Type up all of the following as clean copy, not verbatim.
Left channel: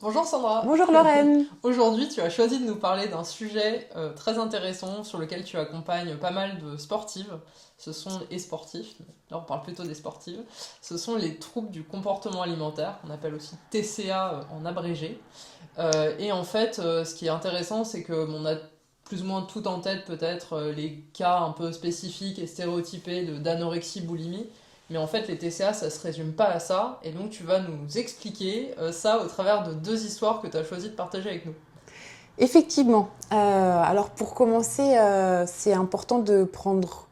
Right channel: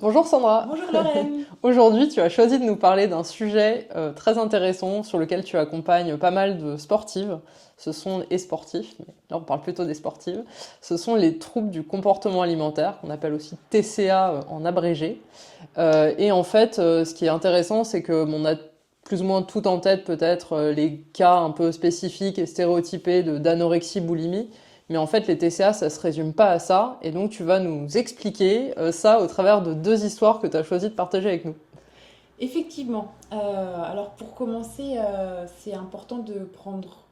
Bonjour Sandra. Bonjour Lorraine. Aujourd'hui, tu as choisi de nous parler d'un sujet très intéressant sur lequel tu accompagnes pas mal de sportives. Ce sont et sportifs, mais là on parle plutôt des sportives. Ce sont les troubles du comportement alimentaire, qu'on appelle aussi TCA en abrégé. Et en fait, ce qui est intéressant, c'est que on a plus ou moins tout en tête peut-être les cas un peu spécifiques et stéréotypés d'anorexie, boulimie. Mais en fait, les TCA, ça se résume pas à ça. Et donc, tu vas nous expliquer ça au travers de deux histoires que tu as choisi de partager avec nous. Effectivement. Alors pour commencer, c'est important de prendre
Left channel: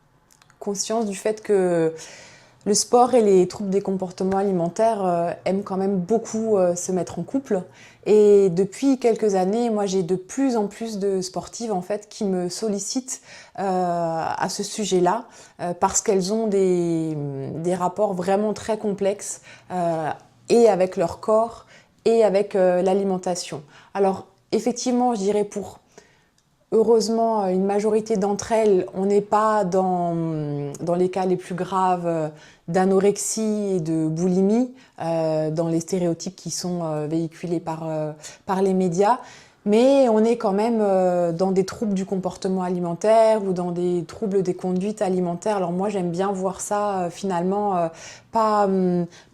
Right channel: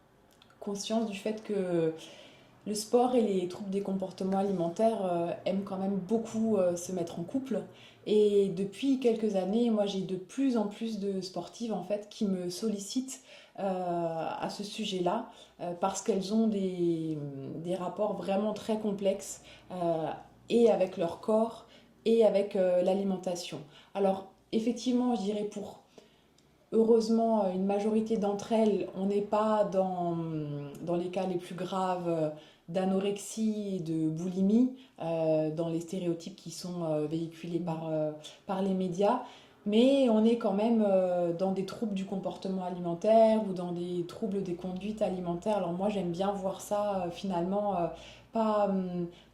conscience du fait que le sport et les troubles des comportements alimentaires aiment quand même beaucoup se mettre en couple. Et depuis quelques années, moi j'ai de plus en plus de sportives en fait qui me sollicitent à ce sujet-là parce qu'elles ont des rapports vraiment très complexes et avec leur corps et avec l'alimentation. Alors effectivement, je dirais pour heureusement une majorité d'entre elles, on n'est pas dans les cas les plus graves d'anorexie et de boulimie, dans les stéréotypes qui sont véhiculés par les médias. Mais on est quand même dans des troubles du comportement alimentaire ou dans des troubles des conduites alimentaires. Alors moi j'aime bien voir ça finalement pas,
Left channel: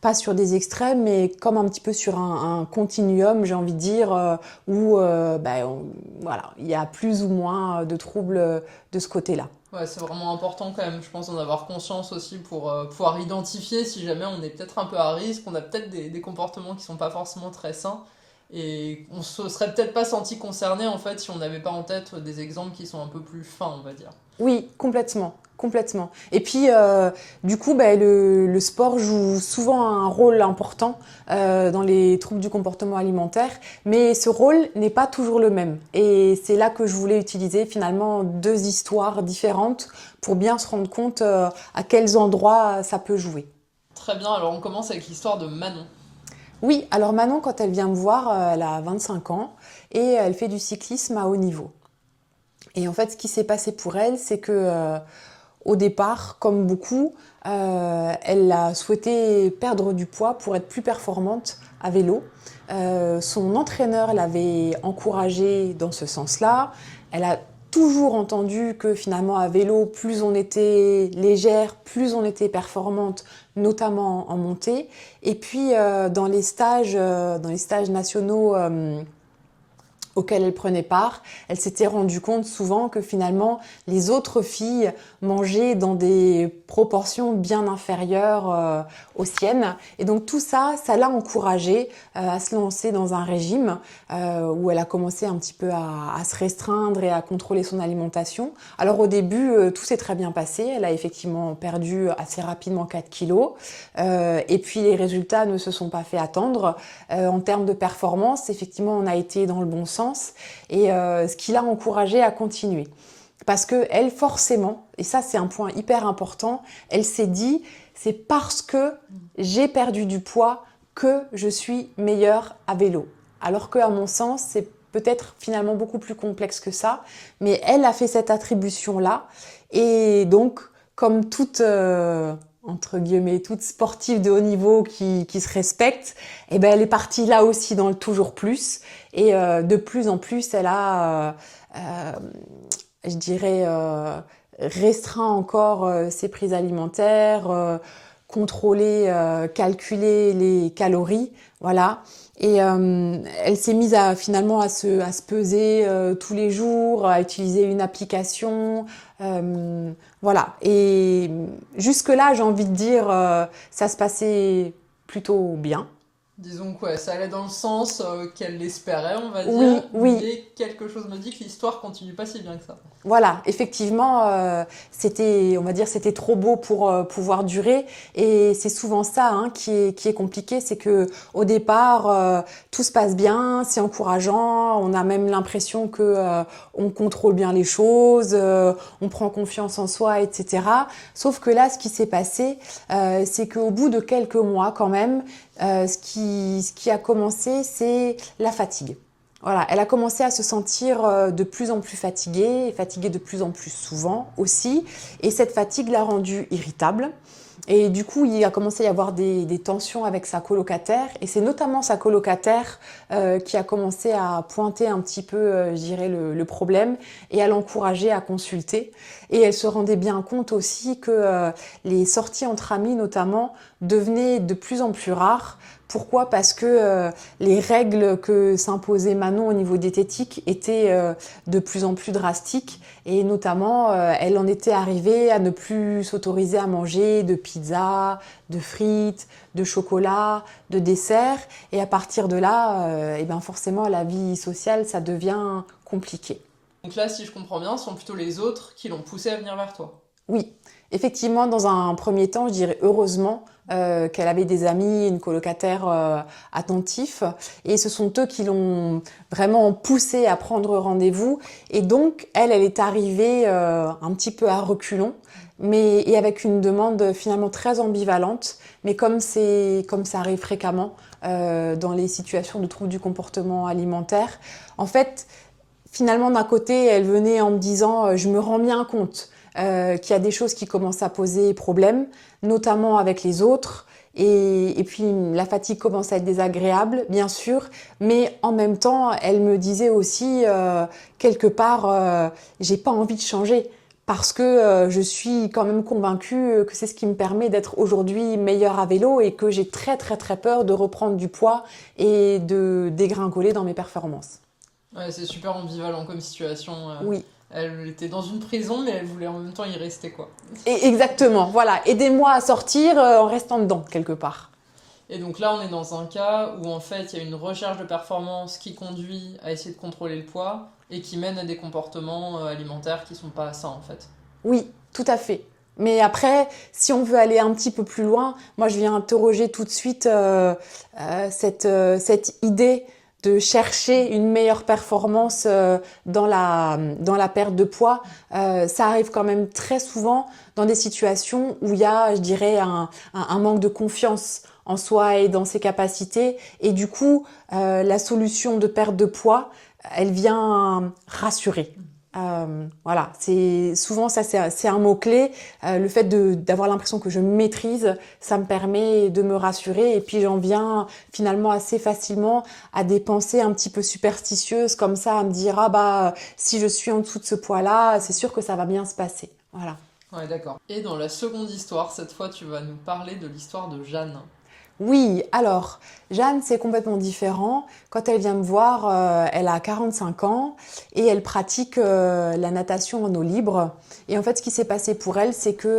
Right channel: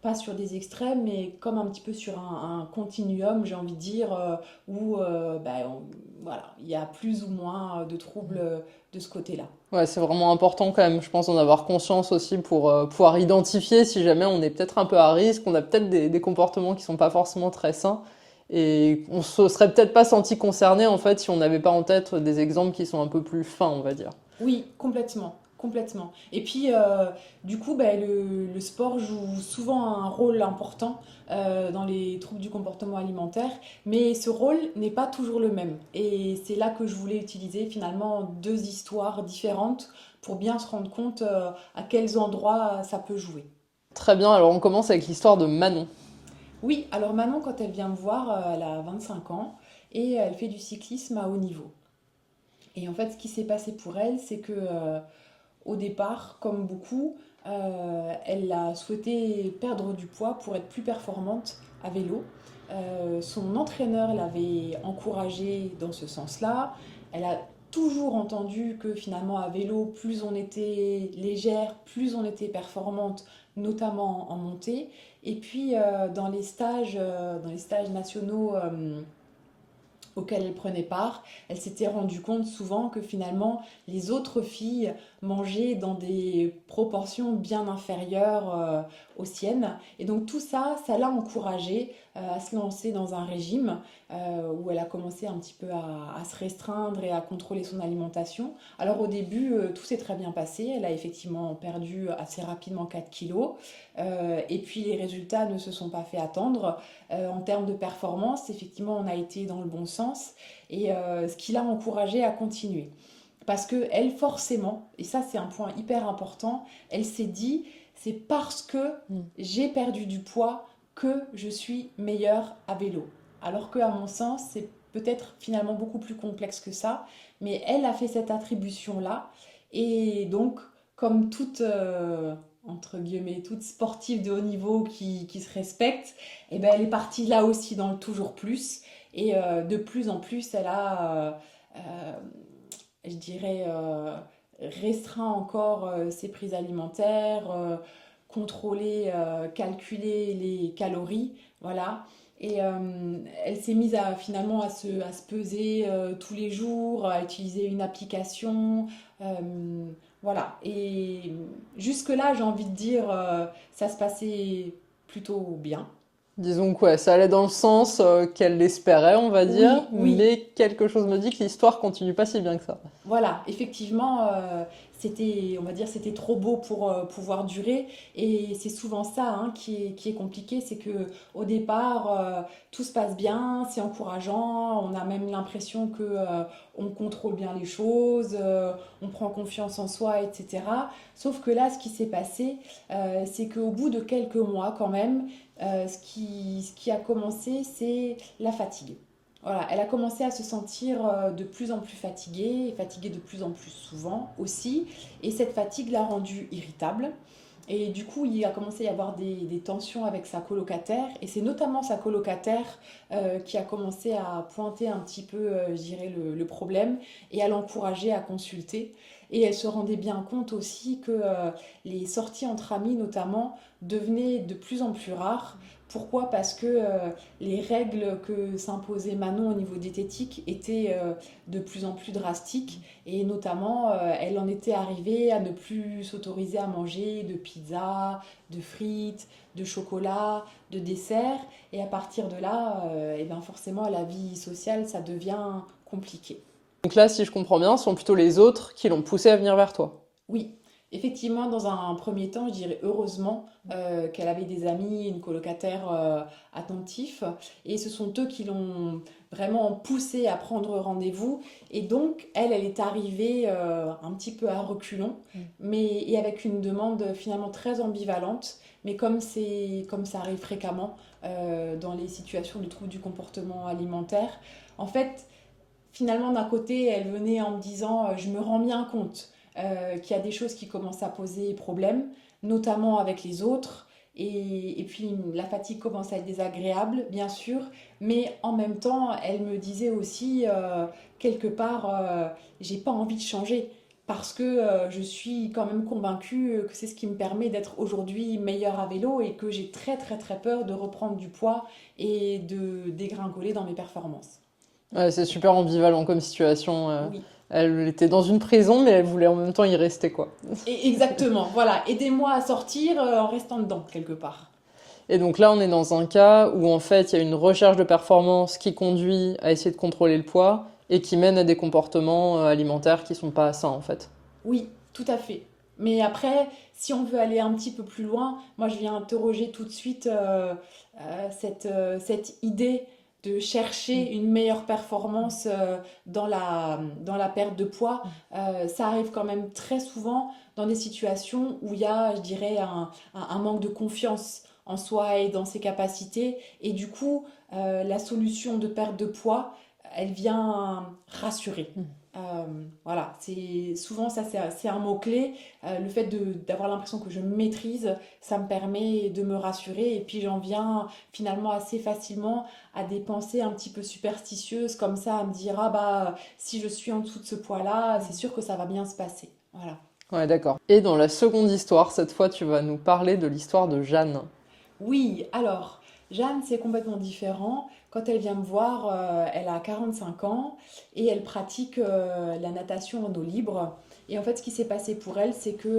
pas sur des extrêmes, mais comme un petit peu sur un continuum, j'ai envie de dire, où voilà, il y a plus ou moins de troubles de ce côté-là. Ouais, c'est vraiment important quand même, je pense, d'en avoir conscience aussi pour pouvoir identifier si jamais on est peut-être un peu à risque, on a peut-être des comportements qui sont pas forcément très sains. Et on se serait peut-être pas senti concerné en fait si on n'avait pas en tête des exemples qui sont un peu plus fins, on va dire. Oui, complètement. Complètement. Et puis, du coup, le sport joue souvent un rôle important dans les troubles du comportement alimentaire, mais ce rôle n'est pas toujours le même. Et c'est là que je voulais utiliser finalement deux histoires différentes pour bien se rendre compte à quels endroits ça peut jouer. Très bien, alors on commence avec l'histoire de Manon. Oui, alors Manon, quand elle vient me voir, elle a 25 ans et elle fait du cyclisme à haut niveau. Et en fait, ce qui s'est passé pour elle, c'est que au départ, comme beaucoup, elle a souhaité perdre du poids pour être plus performante à vélo. Son entraîneur l'avait encouragée dans ce sens-là. Elle a toujours entendu que finalement à vélo, plus on était légère, plus on était performante, notamment en montée. Et puis dans les stages nationaux auquel elle prenait part, elle s'était rendue compte souvent que finalement les autres filles mangeaient dans des proportions bien inférieures aux siennes. Et donc tout ça, ça l'a encouragée à se lancer dans un régime où elle a commencé un petit peu à se restreindre et à contrôler son alimentation. Alors au début, tout s'est très bien passé. Elle a effectivement perdu assez rapidement 4 kilos. Et puis les résultats ne se sont pas fait attendre. En termes de performance, effectivement, on a été dans le bon sens et ce qui l'a encouragée à continuer. Parce que elle, forcément, et ça c'est un point hyper important, elle s'est dit, c'est parce que j'ai perdu du poids que je suis meilleure à vélo. Alors qu'à mon sens, c'est peut-être finalement beaucoup plus complexe que ça, mais elle a fait cette attribution-là. Et donc, comme toute entre guillemets, toute sportive de haut niveau qui se respecte, et ben elle est partie là aussi dans le toujours plus. Et de plus en plus, elle a, je dirais, restreint encore ses prises alimentaires, contrôler, calculer les calories, voilà. Et elle s'est mise finalement à se peser tous les jours, à utiliser une application. Voilà. Et jusque-là, j'ai envie de dire, ça se passait plutôt bien. Disons que ouais, ça allait dans le sens qu'elle l'espérait, on va dire, Oui, oui, mais quelque chose me dit que l'histoire continue pas si bien que ça. voilà, effectivement, c'était, on va dire, c'était trop beau pour pouvoir durer. Et c'est souvent ça hein, qui est compliqué, c'est que au départ, tout se passe bien, c'est encourageant, on a même l'impression que on contrôle bien les choses, on prend confiance en soi, etc. Sauf que là, ce qui s'est passé, c'est qu'au bout de quelques mois, quand même, ce qui a commencé, c'est la fatigue. Voilà, elle a commencé à se sentir de plus en plus fatiguée, et fatiguée de plus en plus souvent aussi. Et cette fatigue l'a rendue irritable. Et du coup, il a commencé à y avoir des tensions avec sa colocataire. Et c'est notamment sa colocataire qui a commencé à pointer un petit peu, je dirais, le problème et à l'encourager à consulter. Et elle se rendait bien compte aussi que les sorties entre amis, notamment, devenaient de plus en plus rares. Pourquoi? Parce que les règles que s'imposait Manon au niveau diététique étaient de plus en plus drastiques. Et notamment, elle en était arrivée à ne plus s'autoriser à manger de pizza, de frites, de chocolat, de dessert. Et à partir de là, eh ben forcément, la vie sociale, ça devient compliqué. Donc là, si je comprends bien, ce sont plutôt les autres qui l'ont poussée à venir vers toi. Oui, effectivement, dans un premier temps, je dirais heureusement qu'elle avait des amis, une colocataire attentif. Et ce sont eux qui l'ont vraiment poussée à prendre rendez-vous. Et donc, elle est arrivée un petit peu à reculons, et avec une demande finalement très ambivalente. Mais comme ça arrive fréquemment dans les situations de troubles du comportement alimentaire, en fait, finalement, d'un côté, elle venait en me disant je me rends bien compte qu'il y a des choses qui commencent à poser problème, notamment avec les autres. Et puis la fatigue commence à être désagréable, bien sûr, mais en même temps, elle me disait aussi, quelque part, j'ai pas envie de changer. Parce que je suis quand même convaincue que c'est ce qui me permet d'être aujourd'hui meilleure à vélo et que j'ai très très très peur de reprendre du poids et de dégringoler dans mes performances. Ouais, c'est super ambivalent comme situation. Oui. Elle était dans une prison, mais elle voulait en même temps y rester, quoi. Et exactement, voilà. Aidez-moi à sortir en restant dedans, quelque part. Et donc là, on est dans un cas où en fait, il y a une recherche de performance qui conduit à essayer de contrôler le poids et qui mène à des comportements alimentaires qui sont pas sains, en fait. Oui, tout à fait. Mais après, si on veut aller un petit peu plus loin, moi je viens interroger tout de suite cette idée de chercher une meilleure performance dans la perte de poids. Ça arrive quand même très souvent dans des situations où il y a, je dirais, un manque de confiance en soi et dans ses capacités. Et du coup, la solution de perte de poids, elle vient rassurer. Voilà, c'est souvent ça, c'est un mot-clé. Le fait d'avoir l'impression que je maîtrise, ça me permet de me rassurer. Et puis j'en viens finalement assez facilement à des pensées un petit peu superstitieuses, comme ça, à me dire ah bah si je suis en dessous de ce poids-là, c'est sûr que ça va bien se passer. Voilà. Ouais, d'accord. Et dans la seconde histoire, cette fois, tu vas nous parler de l'histoire de Jeanne. Oui, alors, Jeanne, c'est complètement différent. Quand elle vient me voir, elle a 45 ans et elle pratique la natation en eau libre. Et en fait, ce qui s'est passé pour elle, c'est que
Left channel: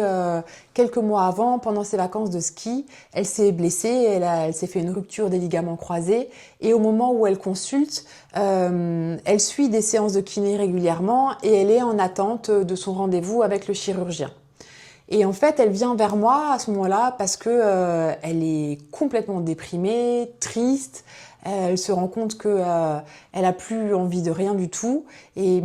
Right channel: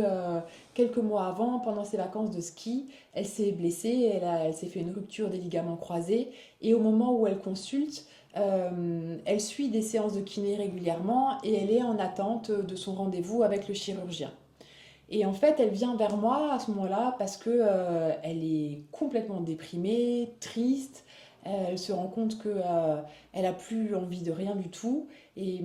quelques mois avant, pendant ses vacances de ski, elle s'est blessée, elle s'est fait une rupture des ligaments croisés. Et au moment où elle consulte, elle suit des séances de kiné régulièrement et elle est en attente de son rendez-vous avec le chirurgien. Et en fait, elle vient vers moi à ce moment-là parce que elle est complètement déprimée, triste. Elle se rend compte que elle a plus envie de rien du tout. Et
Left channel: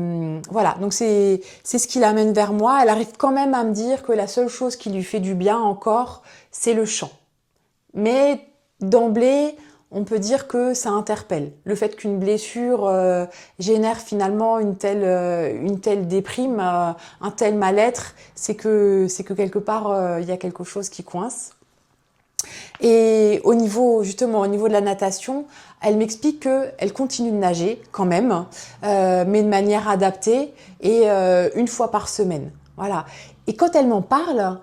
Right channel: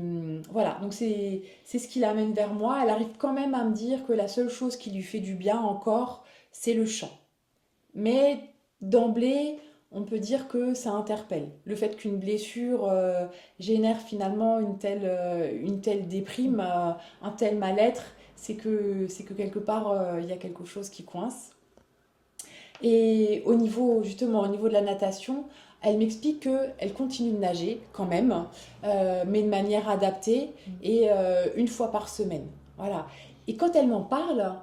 voilà, donc c'est ce qui l'amène vers moi. Elle arrive quand même à me dire que la seule chose qui lui fait du bien encore, c'est le chant. Mais d'emblée, on peut dire que ça interpelle. Le fait qu'une blessure génère finalement une telle déprime, un tel mal-être, c'est que quelque part, il y a quelque chose qui coince. Et justement, au niveau de la natation, elle m'explique qu'elle continue de nager quand même, mais de manière adaptée et une fois par semaine. Voilà. Et quand elle m'en parle,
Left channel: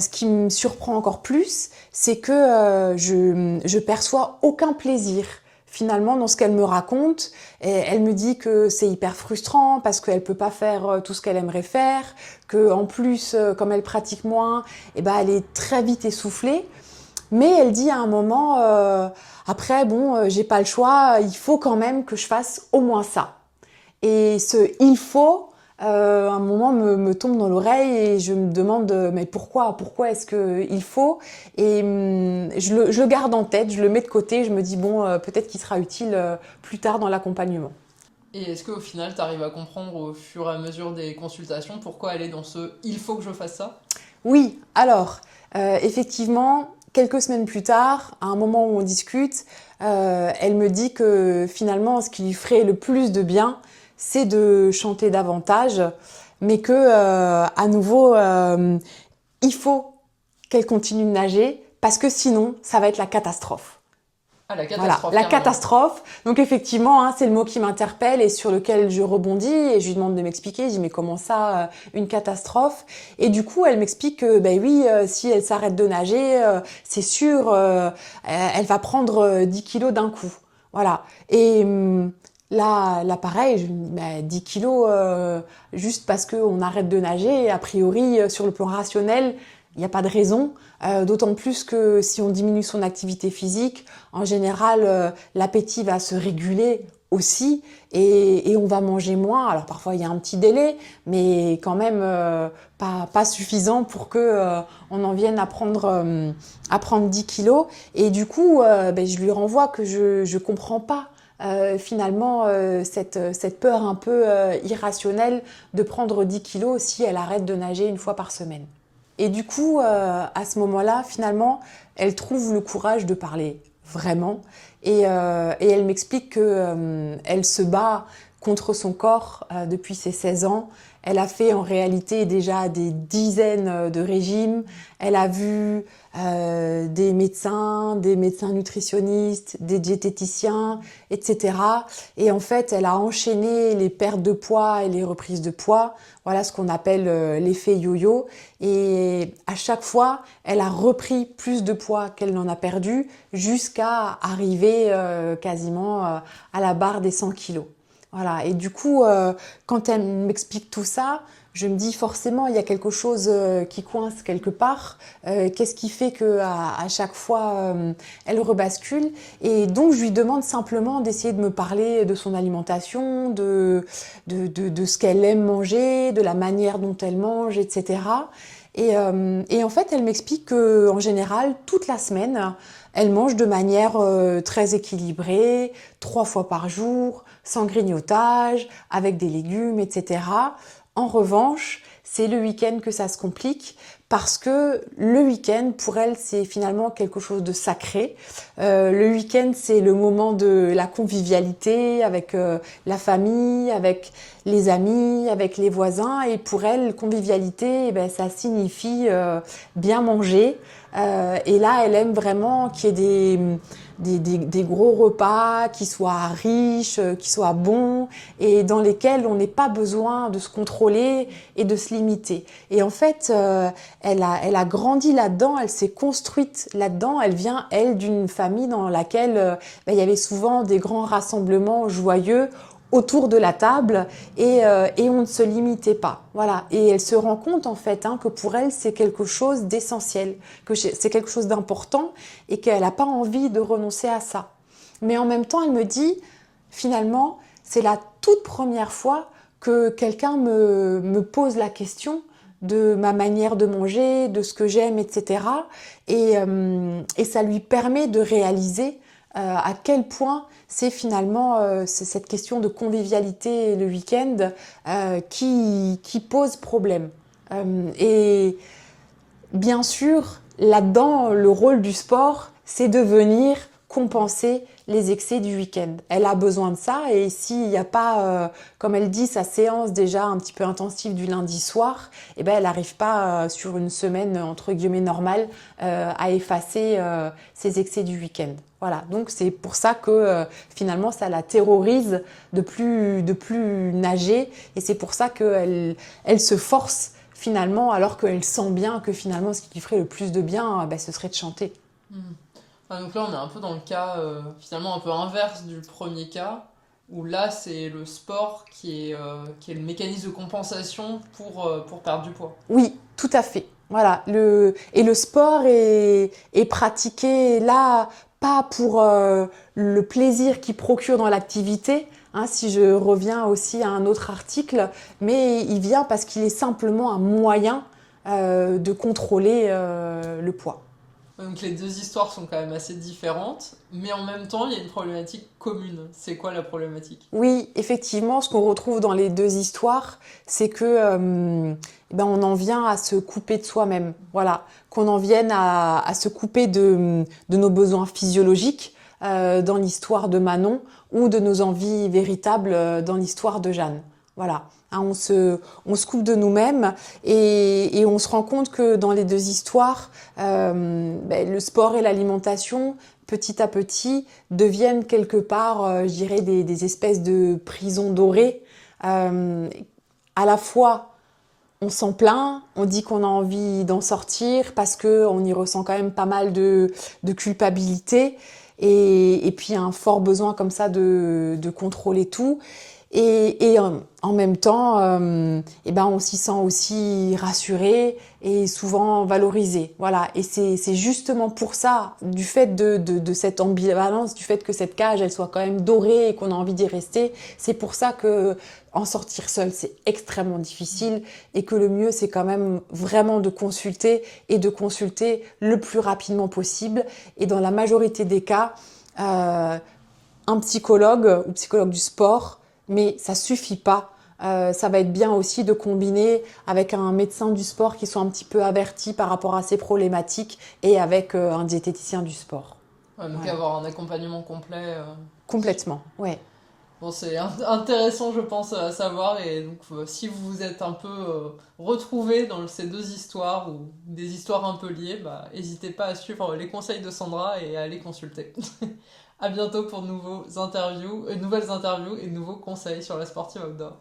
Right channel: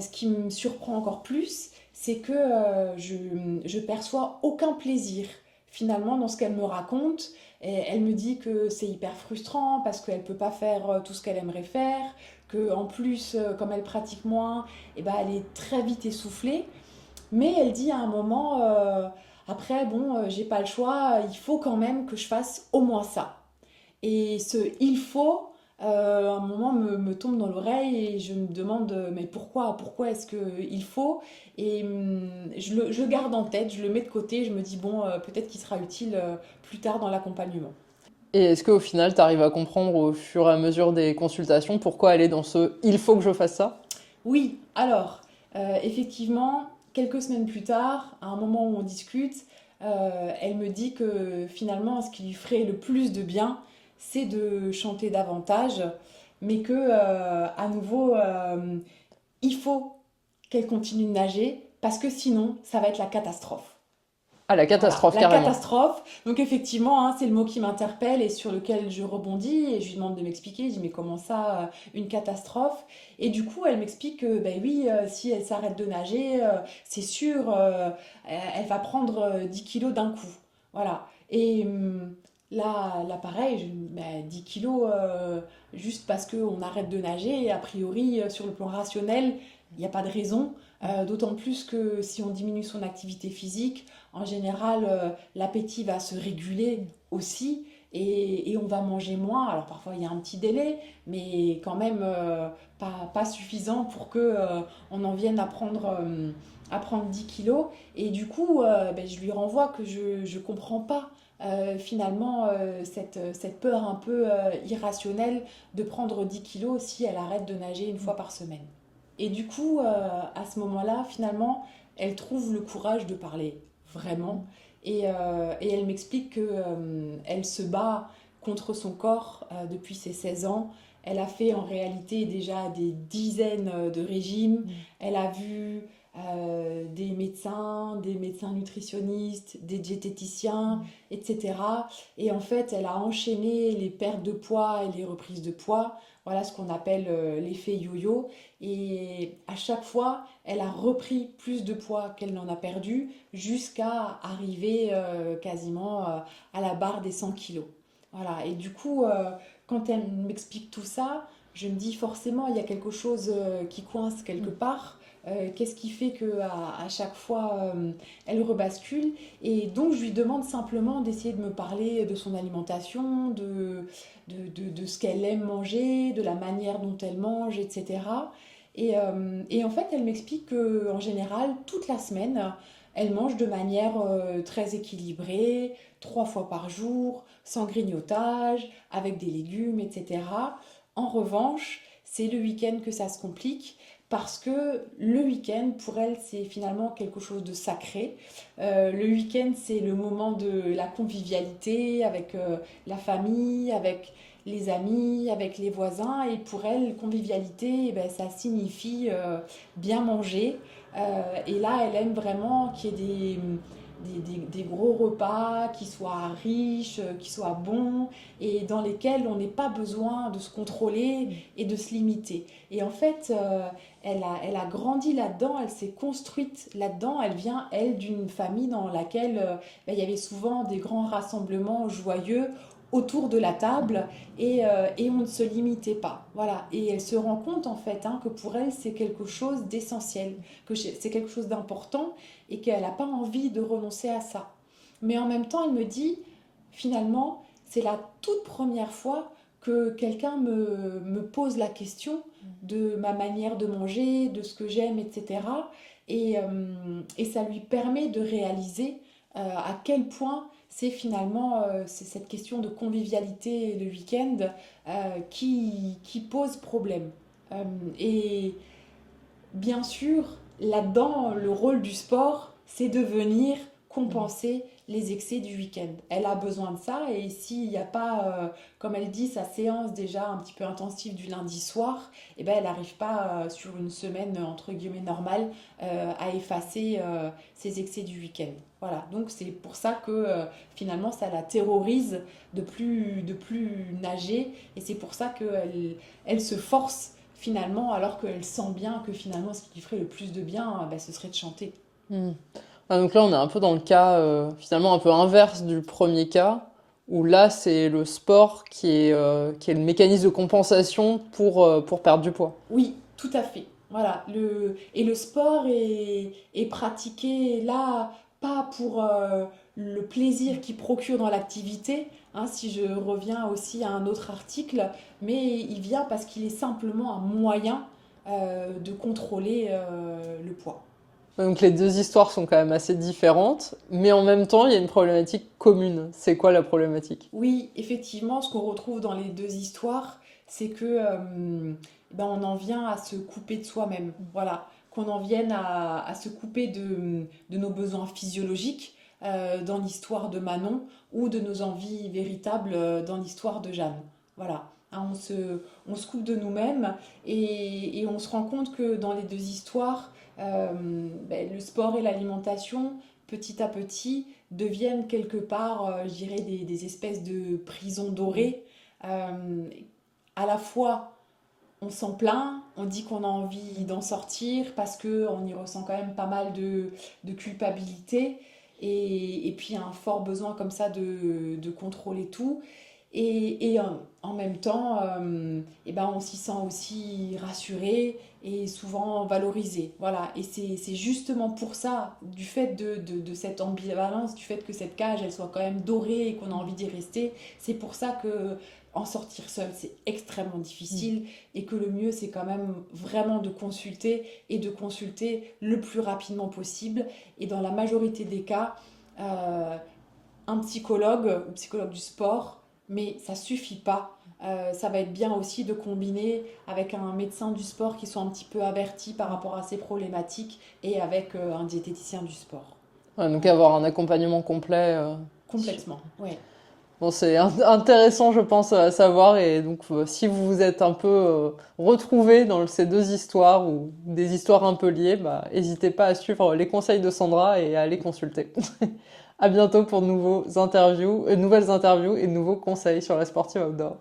ce qui me surprend encore plus, c'est que je perçois aucun plaisir finalement dans ce qu'elle me raconte. Et elle me dit que c'est hyper frustrant parce qu'elle peut pas faire tout ce qu'elle aimerait faire, que en plus, comme elle pratique moins, eh ben, elle est très vite essoufflée. Mais elle dit à un moment, après, bon, j'ai pas le choix, il faut quand même que je fasse au moins ça. Et ce il faut, à un moment, me tombe dans l'oreille et je me demande, mais pourquoi est-ce qu'il faut? Et je le garde en tête, je le mets de côté, je me dis, bon, peut-être qu'il sera utile plus tard dans l'accompagnement. Et est-ce qu'au final, tu arrives à comprendre au fur et à mesure des consultations pourquoi elle est dans ce il faut que je fasse ça? Oui, alors, effectivement, quelques semaines plus tard, à un moment où on discute, elle me dit que finalement, ce qui lui ferait le plus de bien, c'est de chanter davantage, mais que, à nouveau, il faut qu'elle continue de nager parce que sinon, ça va être la catastrophe. Ah, la Voilà, catastrophe, la carrément. catastrophe. Donc effectivement, hein, c'est le mot qui m'interpelle et sur lequel je rebondis et je lui demande de m'expliquer. Je dis mais comment ça, une catastrophe? Et du coup, elle m'explique que ben oui, si elle s'arrête de nager, c'est sûr, elle va prendre 10 kilos d'un coup. Voilà. Et là, pareil, je me dis, ben, 10 kilos juste parce qu'on arrête de nager, a priori, sur le plan rationnel, il n'y a pas de raison. D'autant plus que si on diminue son activité physique, en général, l'appétit va se réguler aussi et on va manger moins. Alors parfois, il y a un petit délai, mais quand même pas suffisant pour que on en vienne à prendre 10 kilos. Et du coup, ben, je lui renvoie que je ne comprends pas. Finalement, cette peur un peu irrationnelle de prendre 10 kilos si elle arrête de nager une fois par semaine. Et du coup, à ce moment-là, finalement, elle trouve le courage de parler vraiment. Et elle m'explique que elle se bat contre son corps depuis ses 16 ans. Elle a fait en réalité déjà des dizaines de régimes. Elle a vu des médecins nutritionnistes, des diététiciens, etc. Et en fait, elle a enchaîné les pertes de poids et les reprises de poids. Voilà ce qu'on appelle l'effet yo-yo. Et à chaque fois, elle a repris plus de poids qu'elle n'en a perdu jusqu'à arriver quasiment à la barre des 100 kilos. Voilà. Et du coup, quand elle m'explique tout ça, je me dis forcément, il y a quelque chose qui coince quelque part. Qu'est-ce qui fait qu'à chaque fois, elle rebascule? Et donc, je lui demande simplement d'essayer de me parler de son alimentation, de ce qu'elle aime manger, de la manière dont elle mange, etc. Et en fait, elle m'explique qu'en général, toute la semaine, elle mange de manière très équilibrée, 3 fois par jour, sans grignotage, avec des légumes, etc. En revanche, c'est le week-end que ça se complique parce que le week-end, pour elle, c'est finalement quelque chose de sacré. Le week-end, c'est le moment de la convivialité avec la famille, avec les amis, avec les voisins. Et pour elle, convivialité, eh ben, ça signifie bien manger. Et là, elle aime vraiment qu'il y ait des gros repas qui soient riches, qui soient bons et dans lesquels on n'ait pas besoin de se contrôler et de se limiter. Et en fait, elle a grandi là-dedans, elle s'est construite là-dedans. Elle vient, elle, d'une famille dans laquelle ben, il y avait souvent des grands rassemblements joyeux autour de la table et on ne se limitait pas. Voilà. Et elle se rend compte en fait hein, que pour elle, c'est quelque chose d'essentiel, que c'est quelque chose d'important et qu'elle n'a pas envie de renoncer à ça. Mais en même temps, elle me dit, finalement, c'est la toute première fois que quelqu'un me pose la question de ma manière de manger, de ce que j'aime, etc. Et ça lui permet de réaliser à quel point c'est finalement c'est cette question de convivialité le week-end qui pose problème. Et bien sûr, là-dedans, le rôle du sport, c'est de venir compenser les excès du week-end. Elle a besoin de ça et s'il n'y a pas, comme elle dit, sa séance déjà un petit peu intensive du lundi soir, eh ben, elle n'arrive pas sur une semaine entre guillemets normale à effacer ses excès du week-end. Voilà, donc c'est pour ça que finalement ça la terrorise de plus nager et c'est pour ça qu'elle se force finalement, alors qu'elle sent bien que finalement, ce qui lui ferait le plus de bien, bah, ce serait de chanter. Hmm. Ah, donc là, on est un peu dans le cas finalement un peu inverse du premier cas, où là, c'est le sport qui est le mécanisme de compensation pour perdre du poids. Oui, tout à fait. Voilà. Et le sport est pratiqué là, pas pour le plaisir qu'il procure dans l'activité, hein, si je reviens aussi à un autre article, mais il vient parce qu'il est simplement un moyen de contrôler le poids. Donc les deux histoires sont quand même assez différentes, mais en même temps, il y a une problématique commune. C'est quoi la problématique? Oui, effectivement, ce qu'on retrouve dans les deux histoires, c'est que ben, on en vient à se couper de soi-même. Voilà, qu'on en vienne à se couper de nos besoins physiologiques dans l'histoire de Manon ou de nos envies véritables dans l'histoire de Jeanne. Voilà. Hein, on se coupe de nous-mêmes et on se rend compte que dans les deux histoires, le sport et l'alimentation, petit à petit, deviennent quelque part, je dirais, des espèces de prisons dorées. Euh, à la fois, on s'en plaint, on dit qu'on a envie d'en sortir parce qu'on y ressent quand même pas mal de culpabilité et puis un fort besoin comme ça de contrôler tout. En même temps, on s'y sent aussi rassuré et souvent valorisé. Voilà. Et c'est justement pour ça, du fait de cette ambivalence, du fait que cette cage, elle soit quand même dorée et qu'on a envie d'y rester, c'est pour ça que en sortir seul, c'est extrêmement difficile et que le mieux, c'est quand même vraiment de consulter et de consulter le plus rapidement possible. Et dans la majorité des cas, un psychologue ou psychologue du sport, mais ça suffit pas. Ça va être bien aussi de combiner avec un médecin du sport qui soit un petit peu averti par rapport à ces problématiques et avec un diététicien du sport. Ouais, donc Voilà. avoir un accompagnement complet. Complètement, ouais. Bon, c'est intéressant, je pense, à savoir. Et donc, si vous vous êtes un peu retrouvés dans ces deux histoires ou des histoires un peu liées, bah, n'hésitez pas à suivre les conseils de Sandra et à aller consulter. À bientôt pour de nouvelles interviews et de nouveaux conseils sur la sportive outdoor.